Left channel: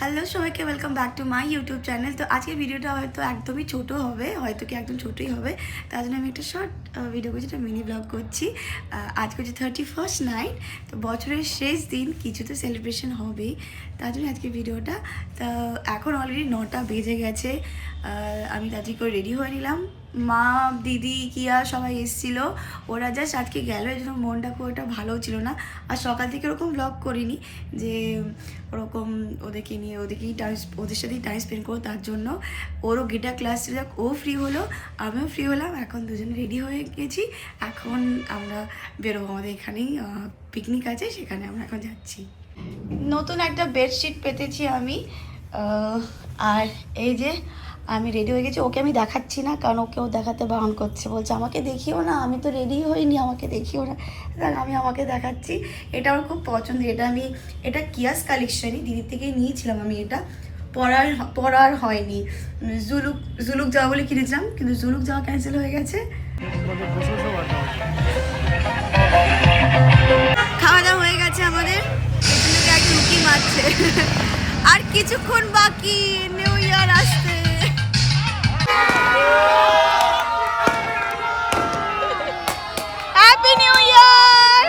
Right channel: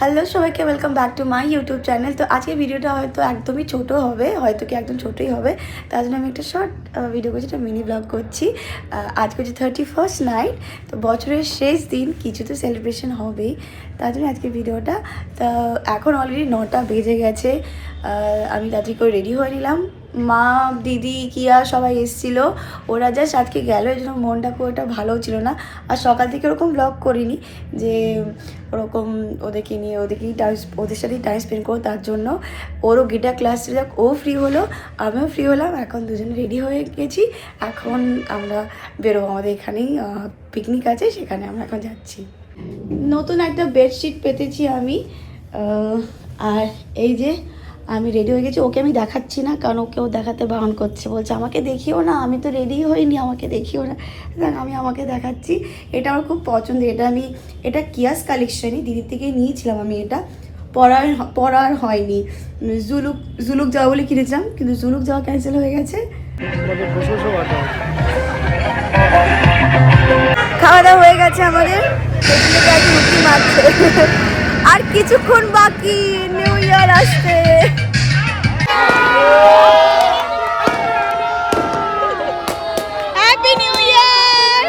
Hello সবাইকে welcome back to my YouTube channel. তো আজকের ভিডিওটা হয়তো একদমই ছোট হবে, হয়তো কি একদম ছোটোই হবে। তার জন্য আমি একটা শর্ট ভিডিও করছি, একটা মিনি ব্লগ করছি। আজকে হচ্ছে 31st নাইট, তো বছরের শেষ দিন, কিছু তো সেলিব্রেশন হবেই, তার জন্য আজকের ভিডিওটা। তো এখন অলরেডি 9টা বেজে গেছে। আমি তাড়াতাড়ি করে রেডি হয়ে নিলাম। মা, দিদি, কিয়া সবাই এসেছিলো, ওরা জাস্ট আজকে গেলো, এই জন্য মনটা খুব একটা ভালো ছিল না। আর সকাল থেকে ওরকম ব্লগ করিনি যে ওরকম ওদেরকে নিয়ে ওদের সাথেই টাইম স্পেন্ড করো, তার জন্য ওরও গিটার ক্লাস ছিল, ও ফ্রি হলো, আমিও ফ্রি হলাম। এখন দুজনে রেডি হয়ে গেছি, এখন আমরা বেরোবো। আমাদের এখানেই পিকনিক আছে, সেখানে আমরা এখন যাচ্ছি। নতুন একটা বেডশিট পেতেছি আমি, আর এই যে আমি রেডি হয়ে গেছি। ওকে আমি দেখাচ্ছি না, কারণ ওকেও দেখাতে বারণ করছে, বলছে আমাকে দেখিও না, আমি তো রেডি হইনি, আমাকে দেখিও না। আমি আমাকে দেখাচ্ছি। এটা আমার খুব পছন্দের, এটা কিয়াস কালেকশনই, দিদির থেকে নিয়েছিলাম আমি। এটা পরার হয়নি, জুলুক যাওয়া বলে কিনেছিলাম, কিন্তু জুলুক যাওয়া ক্যান্সেল হয়ে গেছে। খাওয়া দাওয়া হয়ে গেছে আমাদের, রুটি মারছে। আর কিছুক্ষণ বাকি নিউ ইয়ার আসতে। Happy new year.